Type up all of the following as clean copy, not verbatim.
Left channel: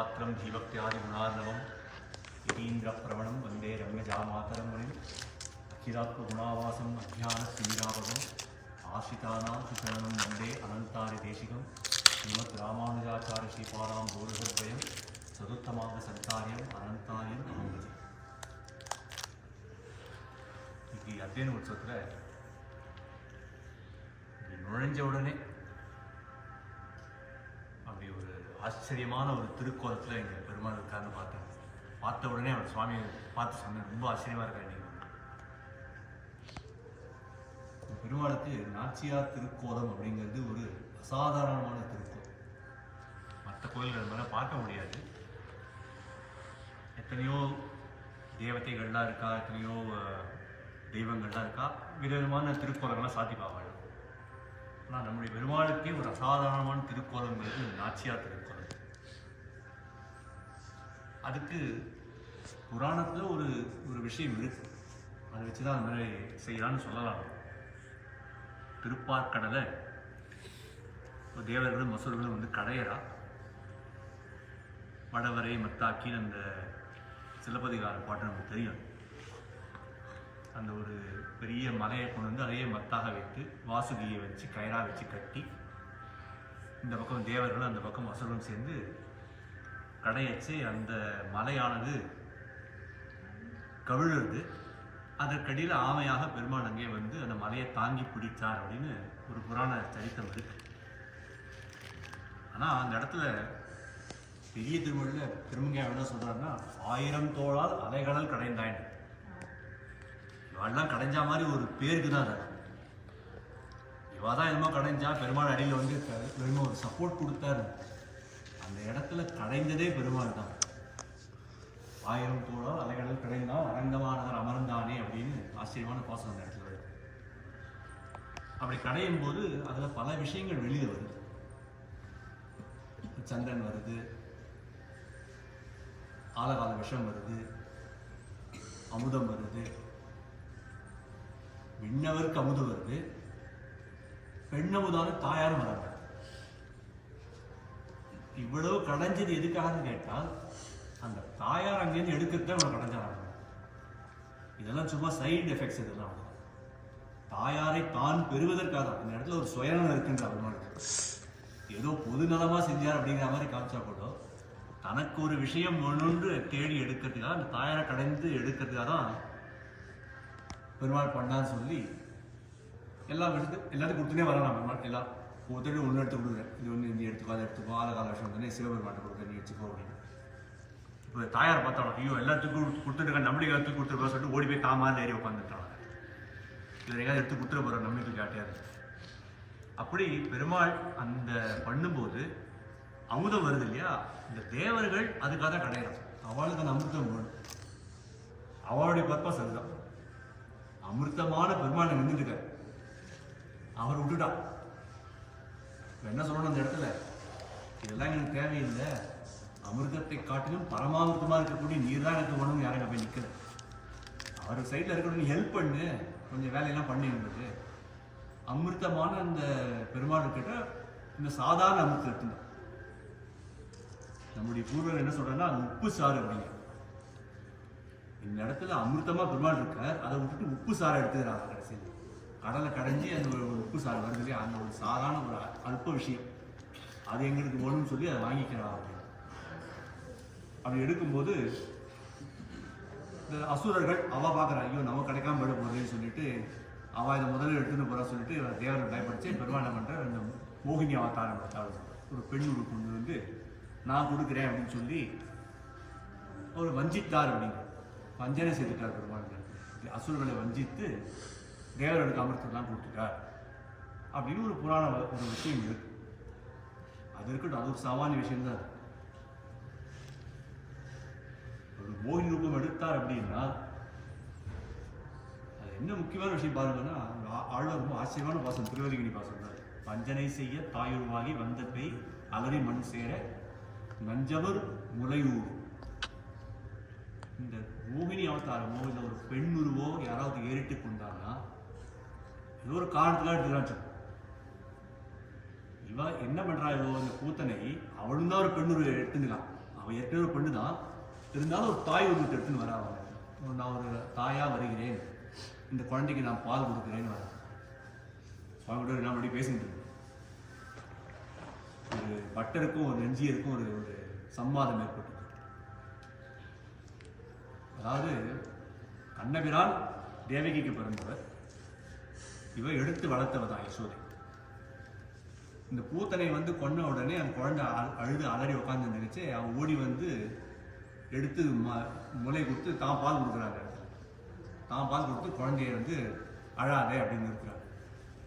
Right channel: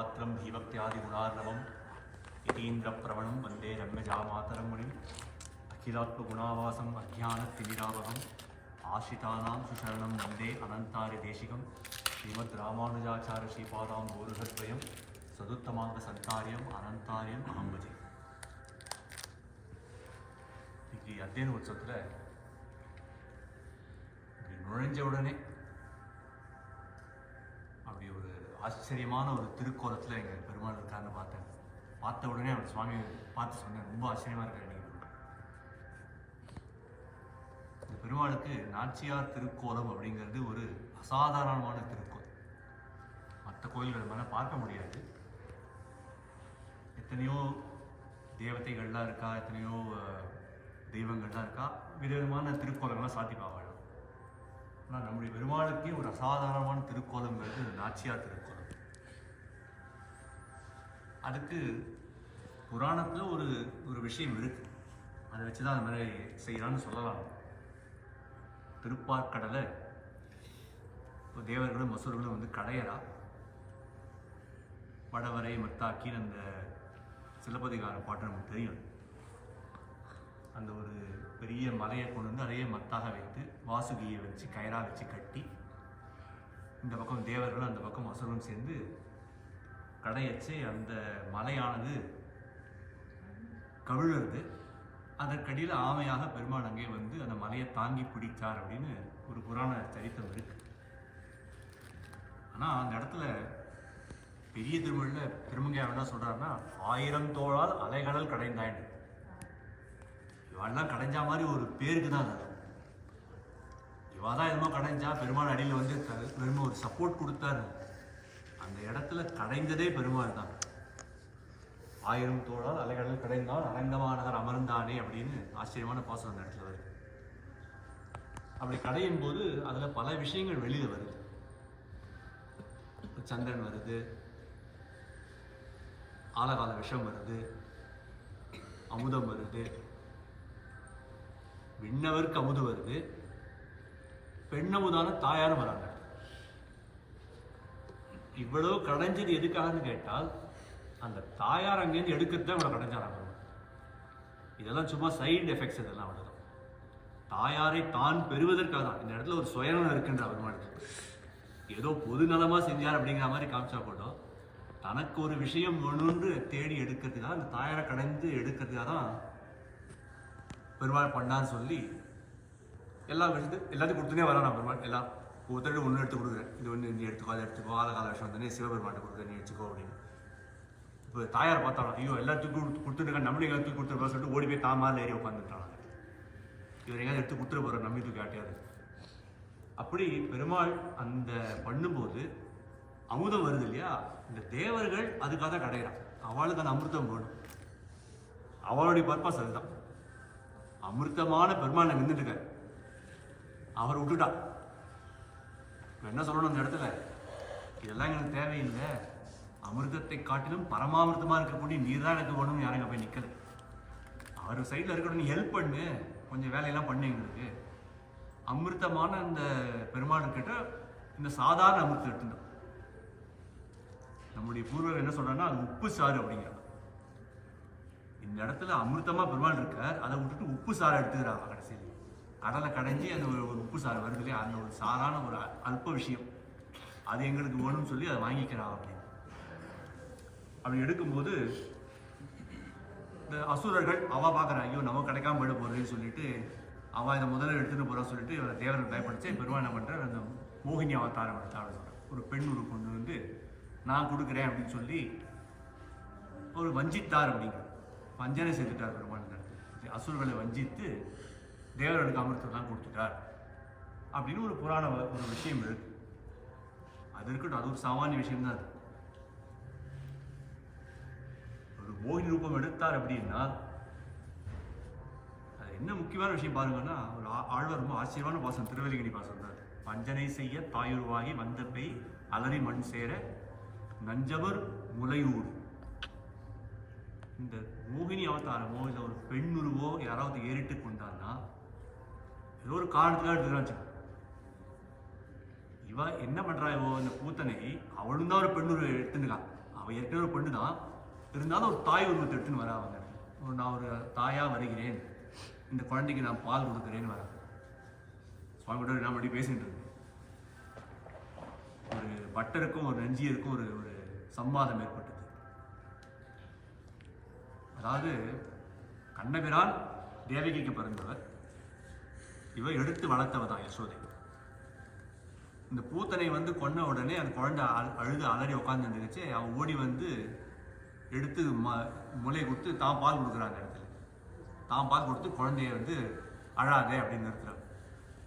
ராமானுஜதயாபாத்திரம் தீபக்தியாதிகுணார்ணவம் யதீந்திரப்பிரவணம் வந்தே ரங்கஜாமாதரம் முனிம் அகிலாத்மகுணாவாசம் அஜ்ஞானத்திமிராபகம் ஆசிரிதானாம் சுசரணம் வந்தே அனந்தாரி தேசிகம் ஸ்ரீமத் ராமானுஜாச்சார ஸ்ரீபாதாம் பூருஷத்வயம் சதுர்த்தமாக சந்தாரியம் அனந்தாரியம் அகம்பஜே. இன்னைக்கு அத்தியன உற்சவத்தில் நுழைஞ்ச உடனே அப்படி ஒரு ஆச்சரியமான ஒரு திருக்கோலத்தில் எங்கள் பெருமாள் இருக்காருன்னு பார்த்த உடனே அவர் சுவாமியை பார்த்து சொன்னேன், ரொம்ப ஆச்சரியமாக இருக்காரு. இந்த பெருமாளுக்கு நாச்சியார் திருக்கோலம் அப்படிங்கிறது ஒரு அசாதாரணமான திருக்கோலம். மற்ற கோயில்கள் மேலே பார்க்க முடியாது. எத்தனையோ தேவதைகள்லாம் இருக்கா, எத்தனையோ தெய்வங்கள்லாம் இருக்கா, விதவிதமான திருக்கோலங்கள்லாம் சாத்திப்பாங்க. ஆனால் நம்முடைய பெருமாளுக்கே ஒரு அசாதாரணமான திருக்கோலங்கிறது நாச்சியார் திருக்கோலம். அதுக்கு புராணத்தில் ஒரு விஷயம் இருக்கு, அதை வச்சு தான் அந்த மாதிரி செய்யலான்னு சொல்லலாம். திருப்பார்கடலை தேவர்களும் மசூர்களும் வந்து கடையறா வடவரை மத்தாக்கின்னு அந்த சிலப்பதிகார பாட்டு நமக்கு தெரியும். அந்த ஒரு பெரிய மலையை கொண்டு வந்து அதையே மத்தாக வைத்து வாசுகியை வச்சு கயிறாக வச்சு கட்டி இந்த பக்கம் தேவர்களும் அந்த பக்கம் அசுரரும் சேர்ந்து கடையச்சு அந்த மலையானது கவிழுது. அதற்கடியில் ஆமையாக பெருமாள் அங்கே வந்து அந்த மலையை தாங்கி பிடித்தார் அப்படின்னு ஒரு புராண சரித்திரம் இருக்கு. ஆனால் அந்த இடத்துல பெரிய திருமொழியில் திருமங்கையார் என்ன சொல்கிறாருன்னா, 1000 தோளால் அலைகடல் கடைந்தாயின்னு. இவாள்லாம் கடைஞ்சா மாதிரி ஒரு பேருக்கு தான் அது. இவா தான் என்னமோ கடைஞ்சா, பெருமாள் அடியில் வந்து பெருமாள் ஒரு சப்போர்ட் கொடுத்தாரு. அந்த இடத்துல கடைந்ததே பெருமாள் தான். 1000 தோளால் அலைகடல் கடைந்தால் அரங்கமானவர் அமர்ந்தானே அப்படின்னு ஆச்சரியமான பாசம் அந்த இடத்துல வருது. அப்படி கடையும் போது அதில் பல விஷயங்கள் வெளியில் வருது. சந்திரன் வருது, ஆலகால விஷம் வருது, அமுதம் வருது, விண்ணவருக்கு அமுது வருது, பெண்ணமுதான தாயாரும் வராங்க. இவ்வளவு கடைஞ்சது எதுக்காகன்னு கேட்டால், அந்த தாயார் அங்கேருந்து எடுக்கிறத இவ்வளவு கடைஞ்சாராங்க. இதெல்லாம் சும்மா சைடு எஃபெக்ட்ஸ். இதெல்லாம் அவ்வளோதான். தாயாரை தான் பெறுவதற்காக தான். இந்த இடத்துல ஒரு சுயநலம் இருக்குன்ற பெருமாளுக்கு. ஏதோ பொது நலமாக செஞ்சார் அப்படிங்கிற மாதிரி காமிச்சா கூட, தனக்கு ஒரு விஷயம் ஒன்று தேடி எடுக்கிறதுக்காக, அந்த தாயாரை கடைந்து எடுக்கிறதுக்காக தான் பெருமாள் பண்ணான்னு சொல்லி எல்லாம் எல்லாத்தையும் கொடுத்துனே வரலாம். பெருமாள் எல்லாம் ஒருத்தர் ஒன்று எடுத்து கொடுக்குறேன், இது ஒன்று இந்த எடுத்துக்கோ, அதை எடுத்துக்கோ, ஆலகால விஷயம் வந்து சிவபெருமாட்டை கொடுக்குறேன், நீ வச்சுக்கோ அப்படின்னு. இப்போ தாயார் பார்த்தாலும் ஐயோ எல்லாத்துக்கும் கொடுத்துட்டு நம்மளுக்கு எல்லாத்துக்கும் கொடுத்துருப்போம் சொல்லிட்டு ஓடி போய் தாமாரில் ஏறி உட்காந்துட்டாங்க. இவர் எங்கேயாவது எடுத்து கொடுத்துட போகிற நம்பிக்கை காட்டியாது. அப்படி பெருமாள் அந்த பண்ணும்போது அமுதம் வருது இல்லையா, இந்த தேவர்கள் அதுக்காக கிடையாது. அவளுக்கு அந்த அமிர்தம் வேணும். அவளுடைய பர்பஸ் அதுதான். அமிர்தமான பெருமாள் நின்றுட்டு இருக்காரு, அவர் விட்டுட்டான். என்ன சொல்லணும் அந்த இடத்துல, இதெல்லாம் எனக்கு தேவையில்லை, அமிர்தத்தை காட்டிலும் பரமாமிர்தமா இருக்கக்கூடிய நீர் தான் எனக்கு வேணும்னு யாரும் போய் நிற்குது. அவர் சைடில் இருக்கணும், நீ ஹெல்ப் பண்ணு, கொஞ்சம் வேலையெல்லாம் பண்ணு. எங்களுக்கு அமிர்தமான அந்த பெருமாள் கிட்ட இந்த சாதாரண அமிர்தம் எடுத்துட்டோம். நம்முடைய பூர்வர்கள் என்ன சொல்றாங்கன்னா, அது உப்பு சாறு அப்படிங்கிற. இந்த இடத்துல அமிர்தமா பெருமாள் இருக்கார், அதை விட்டுட்டு உப்பு சாறு எடுத்துக்கிறாங்க. கடைசியில் கடலை கடைஞ்சி அந்த ஒரு உப்பு சாறு வருது இல்லையா, அந்த ஒரு சாதாரண ஒரு அல்ப விஷயம் அது எங்களுக்கு வேணும்னு சொல்லி அதை வாங்கிக்கிறான் அப்படின்னு. அப்படி எடுக்கும்போது இந்த அசுரர்கள் அவ பார்க்குறா, ஐயோ நம்ம கிடைக்காம போயிட போறேன்னு சொல்லிட்டு அவள் இதை முதல்ல எடுத்துன்னு போகிறா சொல்லிட்டு தேவர்கள் பயப்படுச்சு. பெருமாள் என்ன பண்ணுற, அந்த மோகினி அவதாரம் எடுத்தாள். ஒரு பெண் உரு கொண்டு வந்து நான் கொடுக்குறேன் அப்படின்னு சொல்லி அவர் வஞ்சித்தார் அப்படிங்கிற வஞ்சனை செய்துட்டார் பெருமாள். அசுரர்களை வஞ்சித்து தேவர்களுக்கு அமிர்தம்லாம் கொடுத்துட்டார் அப்படின்னு ஒரு புராண ஒரு விஷயம் இருக்கு. அது இருக்கட்டும், அது ஒரு சாமானிய விஷயம்தான். ஒரு மோகினி ரூபம் எடுத்தார் அப்படின்னா அது என்ன முக்கியமான விஷயம் பாருங்கன்னா, ஒரு ஆழ்வார் ரொம்ப ஆச்சரியமான பாசம், திருவல்லிக்கணி பாசம் சொல்றாரு. வஞ்சனை செய்ய தாயுருவாகி வந்த பெய் அலறி மண் சேர நஞ்சவர் முலையூர். இந்த மோகினி அவதாரமோ இல்லை ஒரு பெண் உருவோ யாராவது ஏறிட்டு கொண்டான்னா ஏதோ ஒரு காரணத்துக்காக எடுத்துக்கிறான். இவ என்ன பண்றா, இவோ இந்த கூத்தனை அவளும் தான் ஒரு பெண் உருவ எடுத்துக்கலாம். அவ அவள் ஏற்கனவே ஒரு பொண்ணு தான், இருந்தாலும் ஒரு தாய் உருவத்தை எடுத்துன்னு வரா. அவங்க நான் ஒரு தாயாக வருகிறேன், இந்த குழந்தைக்கு நான் பால் கொடுக்குறேன்னு வரேன். சுவாமியோட நான் அப்படி பேசிட்டு இருக்கேன். ஒரு பட்டருக்கும் ஒரு நெஞ்சியருக்கும் ஒரு ஒரு சம்வாதம் ஏற்பட்டது. அதாவது கண்ணபிரான் தேவகிக்கு பிறந்தவர், இவ எடுத்து வளர்த்தவ தான் யசோதை. இந்த பூத்தனை வந்து கொன்ன உடனே அந்த குழந்தை அழுது அலறி உட்காந்துருந்துச்சு. அவன் ஓடி வந்து எடுத்து முளையை கொடுத்து தான் பால் கொடுக்குறாங்க. இடத்துல தான் பால் கொடுத்து குழந்தைய வந்து அழாதே அப்படின்னு நிறுத்துறாங்க.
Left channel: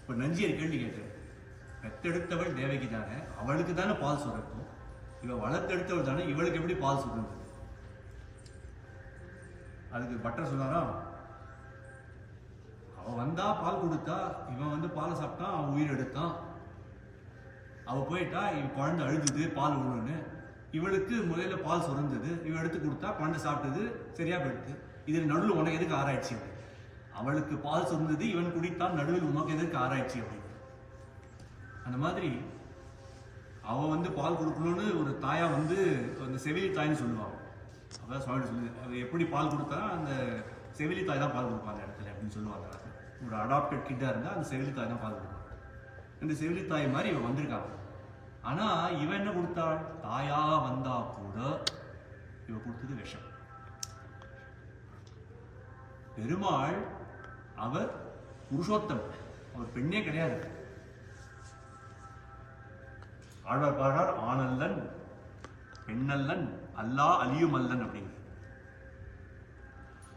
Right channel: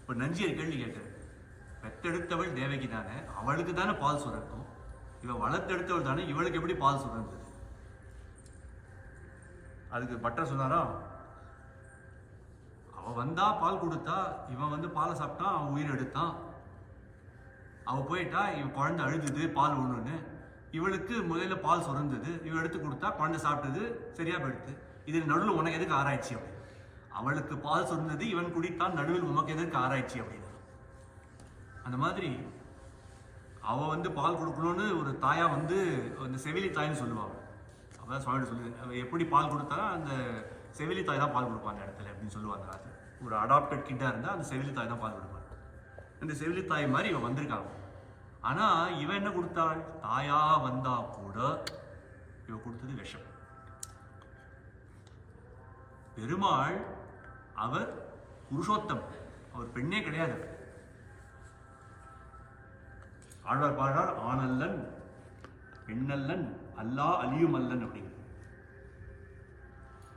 இப்போ நஞ்சியர் கேள்வி கேட்குறேன், பெத்தெடுத்தவள் தேவகி தானே, அவளுக்கு தானே பால் சுரக்கும், இவள் வளர்த்தெடுத்தவள் தானே, இவளுக்கு எப்படி பால் சுரந்தது? அதுக்கு பட்டர் சொன்னாரா, அவள் வந்தா பால் கொடுத்தா, இவன் வந்து பாலை சாப்பிட்டான், அவன் உயிர் எடுத்தான். அவள் போயிட்டா, இவன் குழந்தை அழுதுது பால் ஒன்றுன்னு, இவளுக்கு முதல்ல பால் சுரந்தது, இவன் எடுத்து கொடுத்தா குழந்தை சாப்பிட்டது, சரியா போயிடுது. இது நடுவில் உனக்கு எதுக்கு ஆராய்ச்சி அப்படி? அவளுக்கு பால் சுரந்தது, இவன் குடித்தான், நடுவில் உனக்கு எதுக்கு ஆராய்ச்சி அப்படின்னு. அந்த மாதிரி அவள் வந்து பால் கொடுக்கணும்னு ஒரு தாயா வந்து அந்த செவிலி தாய்ன்னு சொல்லுவாங்க. அதான் சுவாமி சொல்லுது, அவள் எப்படி பால் கொடுத்தாலும் அந்த செவிலி தாய் தான் பால் கொடுப்பாங்க இடத்துல அப்படின்னு சொல்லுவாங்க. ஒரு அடாப்டட் கிட்டாக இருந்தால் அந்த செவிலி தாய் தான் பால் கொடுப்பாங்க. இந்த செவிலி தாய் மாதிரி இவன் வந்திருக்காங்க. ஆனா இவன் என்ன கொடுத்தாள்? தாயா வந்தா கூட இவ கொடுத்தது விஷம். பெருமாள் அவர் புருஷோத்தம், அவர் பெண்ணே கிடையாது. ஆழ்வார் பாடுறார், ஆனல்லன் பெண்ணல்லன் அல்லா அலியும் அல்லன் அப்படின்னு.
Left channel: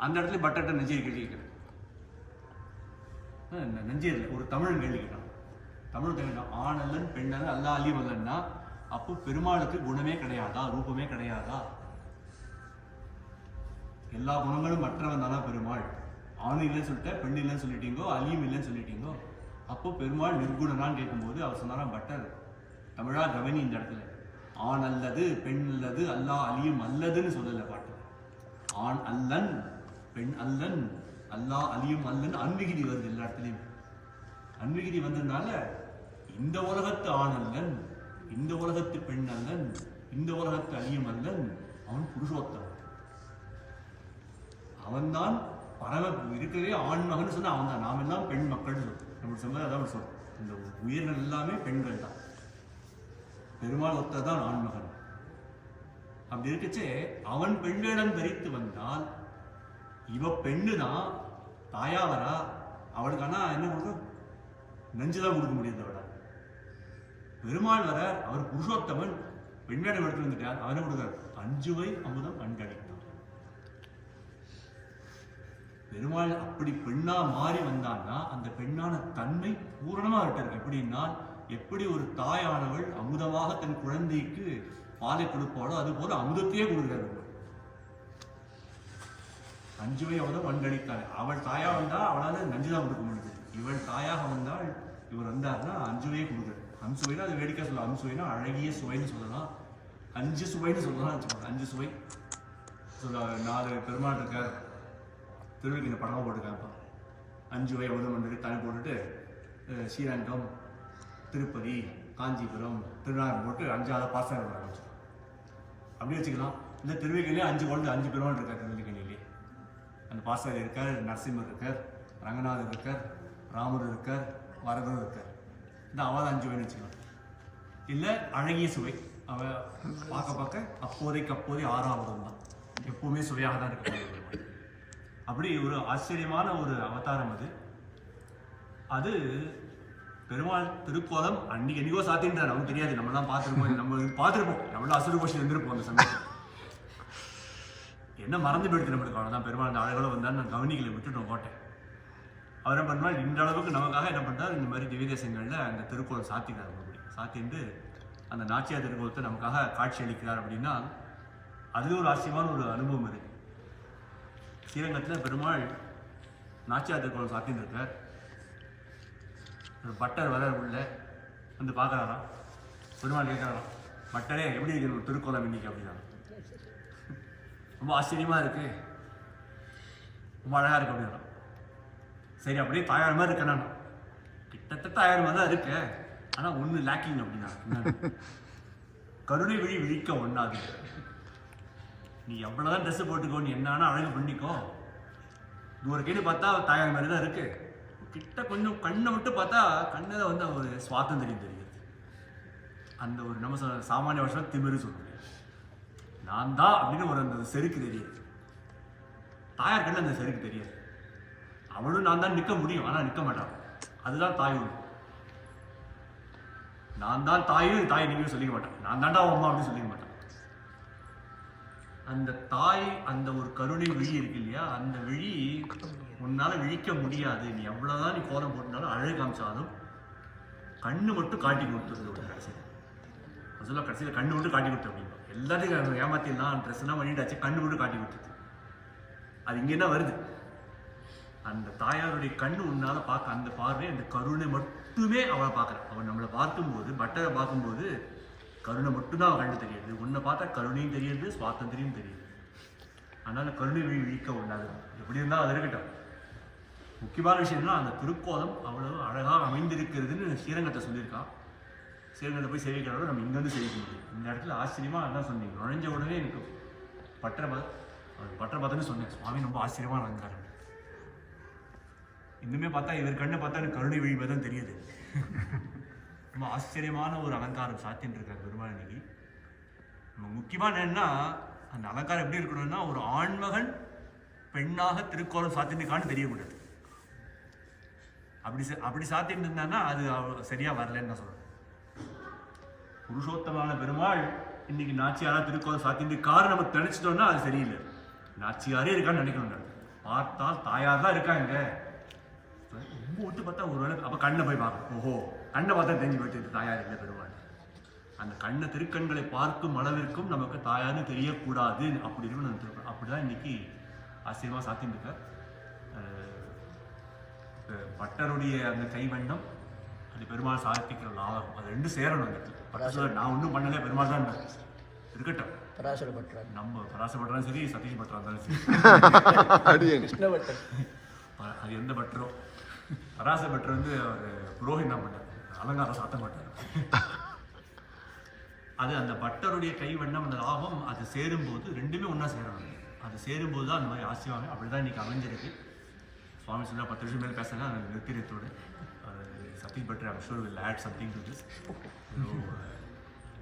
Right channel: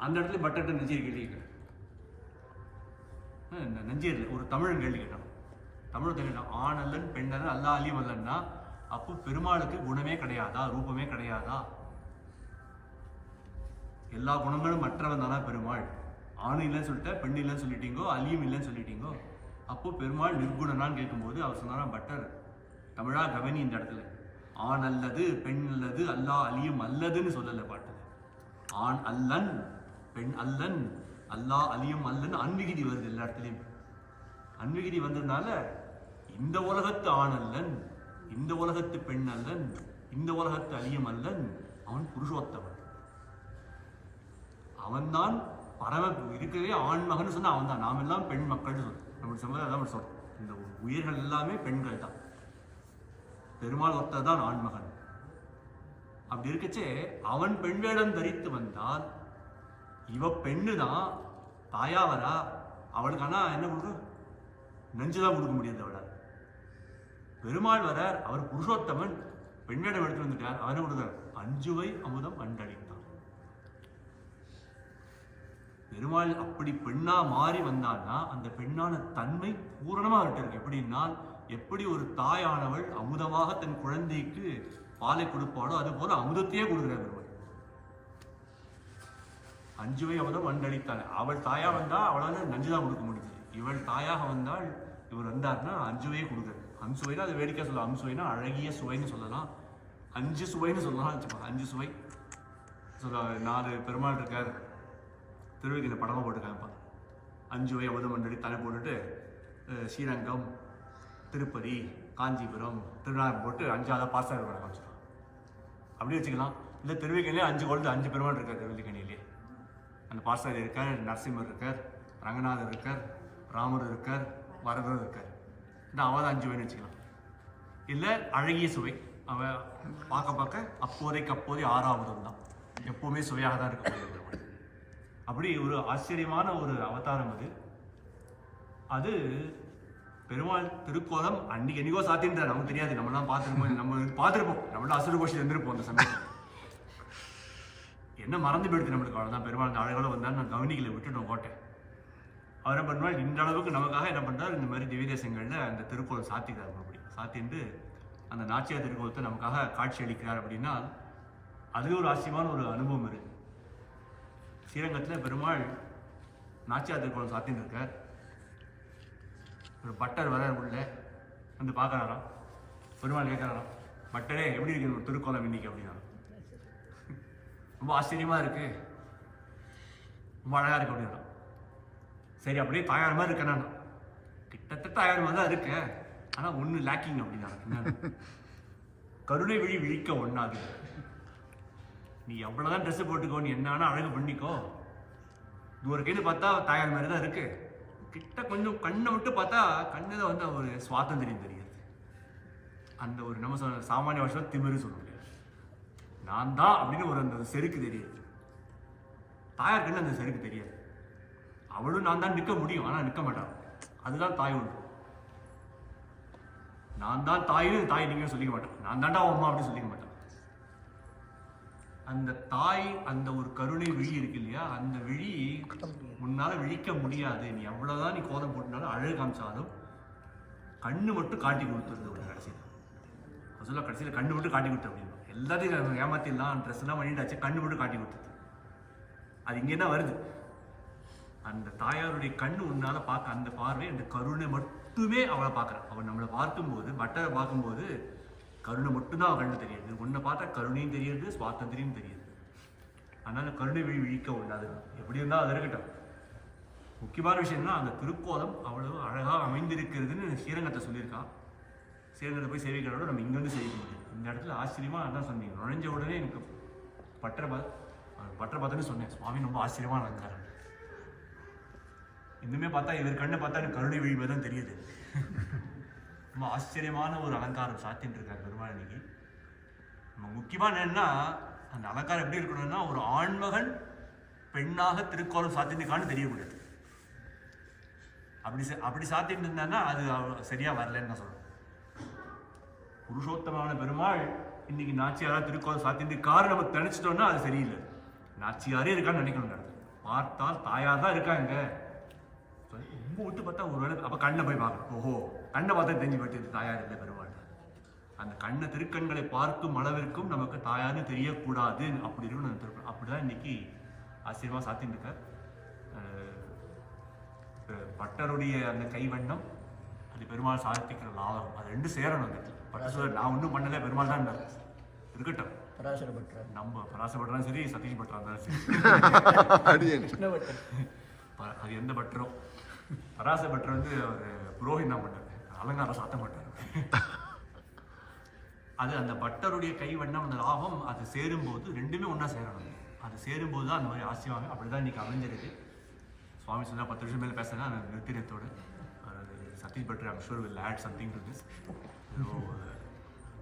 அந்த இடத்துல பட்டர்கிட்ட நெஞ்சை கேள்வி கேட்கிறேன். நெஞ்சையில் ஒரு தமிழன் கேள்வி கேட்டான். தமிழ் கேட்டான், ஆனல்லன் பெண்ணல்லன் அல்லா அலியும் அல்லன்னா அப்போ பெருமாளுக்கு குணமே கிடையாதா, ரூபமே கிடையாதா? எல்லா குணங்களும் மற்றவன் தானா பெருமாள்? ஆணு இல்லைன்னு சொல்லிட்ட, பெண் இல்லைன்னு சொல்லிட்டீங்கோ, அலியும் இல்லைன்னு சொல்லிட்டீங்கோ, அப்போ பெருமாள் நிர்குணனான்னு கேட்கும்போது அவர் சொன்னாராம், பட்டர் தமிழா கவனி, இந்த இடத்துல ஆண் அல்லது பெண் அல்லது அல்லா அலியும் அல்லதுன்னு சொல்லல பாட்டு. ஆண் அல்லன் பெண் அல்லன் அல்லா அலியும் அல்லன்னு அன்விகிதி வருது எல்லா இடத்துலையும். அன்விகிதி வந்ததுனால இந்த உலகத்து ஆண் அல்லன், இந்த உலகத்து பெண் அல்லன், இந்த உலகத்து அலியும் அல்லன், அவன் புருஷோத்தமன். அவன்தான் பரம இருக்கவே ஆண் மகன் சொன்னா அவன் தான். நாம் எல்லாம் பெண் மக்கள்னு சொல்றோம், நம்ம சமுதாயம் அதான் சொல்றோம். இந்த உயிர்கள் எல்லாமே பெண்கள் தான். பெருமாள் ஒத்ததான் ஆண்மகன். அப்படி இருக்கச்சே அவன் பெண் வேடம் தரித்து வந்தால் இவ பெண்ணு தான் தாயாவரா? அவளுக்கு ஆனா என்ன கொடுக்கும்? நெஞ்சுதான் கொடுக்க முடியாது அவள. பெருமாள் வர, அவர் புருஷோத்தமன், பெண் வேடம் எடுத்து வந்துட்டார், அவனை கொடுக்கிறார், அஞ்சுவை அமுதம் அண்டளித்தான். பெருமாள் அப்படி பெண்ணா மாறி வந்தான்னா அந்த பெண்ணான தன்மை பூரணமா இருக்கு. எப்படின்னா, எப்படி ஒரு தாயானவள் அமுதமாக தன் குழந்தைக்கு பாலை கொடுப்பாளோ அது போல அமுதத்தையே கொடுக்கிறார் பெருமாள். அஞ்சுவை அமுதம் அண்டளித்தாள். அவள் தாயா வந்தா அவளால் நஞ்சுதான் கொடுக்க முடியுது. இவள் தாயாக வந்தால், இவர் வந்தார்னா அஞ்சுவையே கொடுக்குறாரு. அஞ்சுவைனா அது வேடிக்கை சொல்லலாம். அம்சுவைனா அழகிய சுவைன்னு சொல்லலாம், அஞ்சு சுவைன்னு சொல்லலாம் வச்சுக்கோங்க. அஞ்சு சுவை சொல்ல 4 பெருமாள் இருக்கார். திருவிக்கு இந்த படமாக போட்டுருக்காங்கப்பா. அஞ்சுவை அமுதம் அண்டளி தலை போட்டுட்டு ஸ்ரீரங்கம், திருப்பதி, காஞ்சிபுரம், திருநாகம் போட்டு 5ஆவது பாஸ்டாக வச்சுக்கலாம். அப்படியே வச்சுக்கலாம். இந்த திருவிக்கணிலே 5 குழந்தை 5 பெருமாள் இருக்கார். திருவிக்கணிலே அந்த பாஸ்டார் இருக்கார், நரசிம்மர் இருக்கார், ரங்கநாதர் இருக்கார், ராமர் இருக்கார், வரதர் இருக்கார். இந்த அவள் 5 வேணும் வச்சுக்கலாம். இல்லை அழகிய சுவை, அவன் பார்க்க பார்க்க அப்போதைக்கு அப்போதே 6ஆவதும் தான், எப்போவுமே சுவையாக தான் இருக்க. அப்படி ஒரு ஆச்சரியமான ஒரு அவதாரம் அது. அது பெருமாள் திருக்கோலம் அன்னைக்கு என்னைக்கோ சாத்தின்றார், நமக்கு தெரியாது. நம்மளாம் பார்த்துருப்போம், நம்மளாம் அசுர கோஷம் இருந்திருப்போம் அந்த சமயம். என்ன மறந்து போயிடுச்சு நம்மளுக்கு, அவ்வளோதான். பெருமாள் அந்த அழகாக வந்தாலும் நான் கவனிக்கலை, விட்டுட்டோம் கோட்டை. அவர் என்ன பண்ணுவாள், இந்த அளவுக்கு நமக்காக என்ன பண்ணுறாரு, இந்த மாதிரி திவ்ய தேசங்களில் அந்த திருக்கோலம் சாத்திக்கிறார். அப்படி சாத்திட்டு அந்த நாச்சியார் திருக்கோலத்தை நமக்காக காட்சி அளிக்கிறார். அப்படின்னா அதுவே ஒரு ஆச்சரியமான ஒரு அனுபவம் இருக்குது. ஸ்ரீரங்கத்தில் பெருமாள் நாச்சியார் திருக்கோலம் சாத்தின்னு இருக்கார். ஒரு பட்டர் வர உள்ள வந்து பார்க்குறாராம். பெருமாள் கேட்குறாராம், பட்டரே எப்படி இருக்கு திருக்கோலம் இன்னைக்கு அப்படின்னா. ரொம்ப ஆச்சரியமாக இருக்கு, ரொம்ப அழகாக இருக்கு அப்படின்னா. சரி, அப்படியே தாயார் மாதிரி இருக்கேன் நான், கிட்டத்தட்ட தாயார் மாதிரி தான் இருக்கு, ஆனால் ஒன்று லேக்கிங் அப்படின்னா. கருணை விழி விழிக்க ஒன்றாது. நீ எவ்வளோதான் ட்ரெஸ்ஸு போட்டுக்கோ, நீ என்ன வேணா அழகு பண்ணிக்கோ, தூரக்கேன்னு பார்த்தா தாயார் மாதிரி தான் இருக்கு. கிட்ட கொஞ்சம் கண்ணை மட்டும் பார்த்தா கண்ணில் வந்து ஒரு சுவாதந்திரியம் தெரியுது. அந்த ஒரு நம்ம சாமானிய வருஷம் திமிரு சொல்ல முடியாது. நான் தான் அப்படின்னு ஒரு அந்த செருக்கு தெரியாது. தாயார் கண்ணு அந்த செருக்கு தெரியாது. அவளும் நான் தான் நிற்க முடியும், ஆனால் நிற்க மாட்டான். அதுதான் தாய் உண்டு. நான் தான் தாயும் தாய் நீங்க சொல்லிக்க மாட்டேன், நான் தாண்டா அம்மா அப்படின்னு சொல்லிக்க மாட்டேன். அந்த தாய் அந்த ஒரு கருணை விழி இருக்கு இல்லையா, அந்த விழி உன்னால விழிக்க முடியாது. நீ எவ்வளவுதான் நீ கோலம் போட்டுனாலும் அழகு காமிச்சாலும் கண்ணு மட்டும் காட்டி கொடுத்துருது. ஒரு கடைசியில் சொல்ல கடைசியில் கண்ணு மட்டும் காட்டி கொடுத்து அப்படின்னா எல்லாத்தையும் ஏமாத்திடலாம், ட்ரெஸ் எல்லாம் பண்ணிட்டாச்சு, கண்ணு மட்டும் காட்டி கொடுத்துது. அது இங்கே என்ன வருது, அந்த தாயாருடைய கண்ணு உன்னால பார்க்க அந்த பார்வை அந்த கருணை மட்டுமே அவளை பார்க்குறான். அவன் நம்மளை பார்க்கும்போது பட்டரை பார்க்கும்போது கருணை மட்டும்தான் அவன் கண்டு தெரியுது. உன்னை பார்த்தா கருணையும் தெரியுது, சுவாதந்திரியும் தெரியுது. அதனால கருணை விழிக்க உள்ளாது. எப்படி இருந்தால் அது இருக்கட்டும். முக்கியமான விஷயம்னா அந்த திருக்கோலம் அவ்வளவு அழகாக அமைந்திருக்கிறதுன்னு ஸ்ரீரங்கத்தை சொல்லியிருக்கான். ஸ்ரீரங்கத்தை போய் சேவிக்கிறோட நம்ம இங்கேருந்து சேவிக்க முடியும். இந்த இடத்துல ஆச்சரியமா அதான் சொன்னீங்க. நுழைஞ்ச உடனே எனக்கு பட்டரை பார்த்தோன்னு சொன்னேன், சுவாமி ரொம்ப ஆச்சரியமா அலங்காரம். இன்னுமே பார்த்தா இவர் கண்ணை பார்த்தா எனக்கு கருணை விழிப்பதும் தெரியுது. ரொம்ப ஆச்சரியமான ஒரு அலங்காரம் சாத்தின்னு இருக்காரு பெருமாள் இன்னைக்கு. நம்ம முக்கியமான என்னன்னா அந்த அலங்காரம் எப்படி இருக்கணும்னா ஒரு ஆண்மகன் பெண்ணாக திருக்கோலம் சாத்தினிருக்கான்னு தெரியக்கூடாது. அப்படி சாத்திட்டு இருந்தான்னா அது சரியா வரலன்னு நான் சொல்றேன். புருஷோத்தமான பெருமாள் இன்னைக்கு நாச்சியாரா திருக்கோலம் சாத்திருக்காரு நம்ம நினைச்சிட்டோம்னா அது சரியில்லை. நாச்சியாரே இருக்கான்னு நினைக்கணும். பார்த்தால் தாயார் தான் இருக்காங்க. ரொம்ப விட்டு பார்த்தா ஒரு வேளை அப்போ கண்ணை போய் பார்க்கணும். ஓஹோ, கண்ணை பார்த்தா தெரிஞ்சு போயிட்டு தாயார் இல்லை பெருமாள். அந்த கண்ணை திருக்கண்களை பார்க்கும் அளவிற்கும் நமக்கு தாயார்னு தெரியக்கூடாது. அப்படி இருக்குன்னு நினைச்சிருக்கோம். அப்படிதான் இன்னைக்கு ஆச்சரியமா சாத்தின்னு இருக்கார். பட்டருடைய அந்த கைவண்ணம் அது பெருமாள் சாதிக்கிற லாபம், அது ரெண்டும் சேரணும். பட்ட சொல்ல நான் ஒன்றும் பண்ணல, பெருமாள் தான் இருக்கட்டும். நம்ம பராசப்பட்டாலும் சரி, சதீஷ் பட்டரா இருந்தாலும் சரி, அது எந்த பட்டரோ பராச பட்டர் வந்து ஒரு புரோஹித் தான் பண்ணார், அலங்காரம் சாத்த மாட்டார். அது அந்த பட்டருடைய கைவண்ணம் அந்த லாபம் அது சேரும்போது ரெண்டுமே ஒன்றா சேரணும். அது சேரும்போது தான் அந்த மாதிரி ஆசையாகும். அப்படிதான் இன்னைக்கு அமைஞ்சிருக்கு. சுவாமி சொன்னா 10 நிமிஷம் மேலே பேசினா அந்த நிறுத்தினத்தோடு Satish Bhattar I'm sure will add something to this.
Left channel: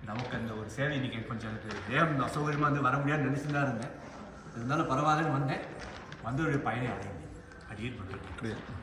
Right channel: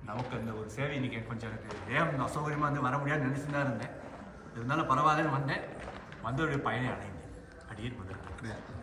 நமக்கு அந்த ஒரு சேவை இன்னைக்கு கொஞ்சம் எனக்கு தேவன் அசௌகரியமாக வந்து வர முடியாதுன்னு நினைச்சுதான் இருந்தேன். இருந்தாலும் பரவாயில்லன்னு வந்தேன். வந்தோடைய பயனை அடைந்தேன். அப்படியே பண்ணுறேன்.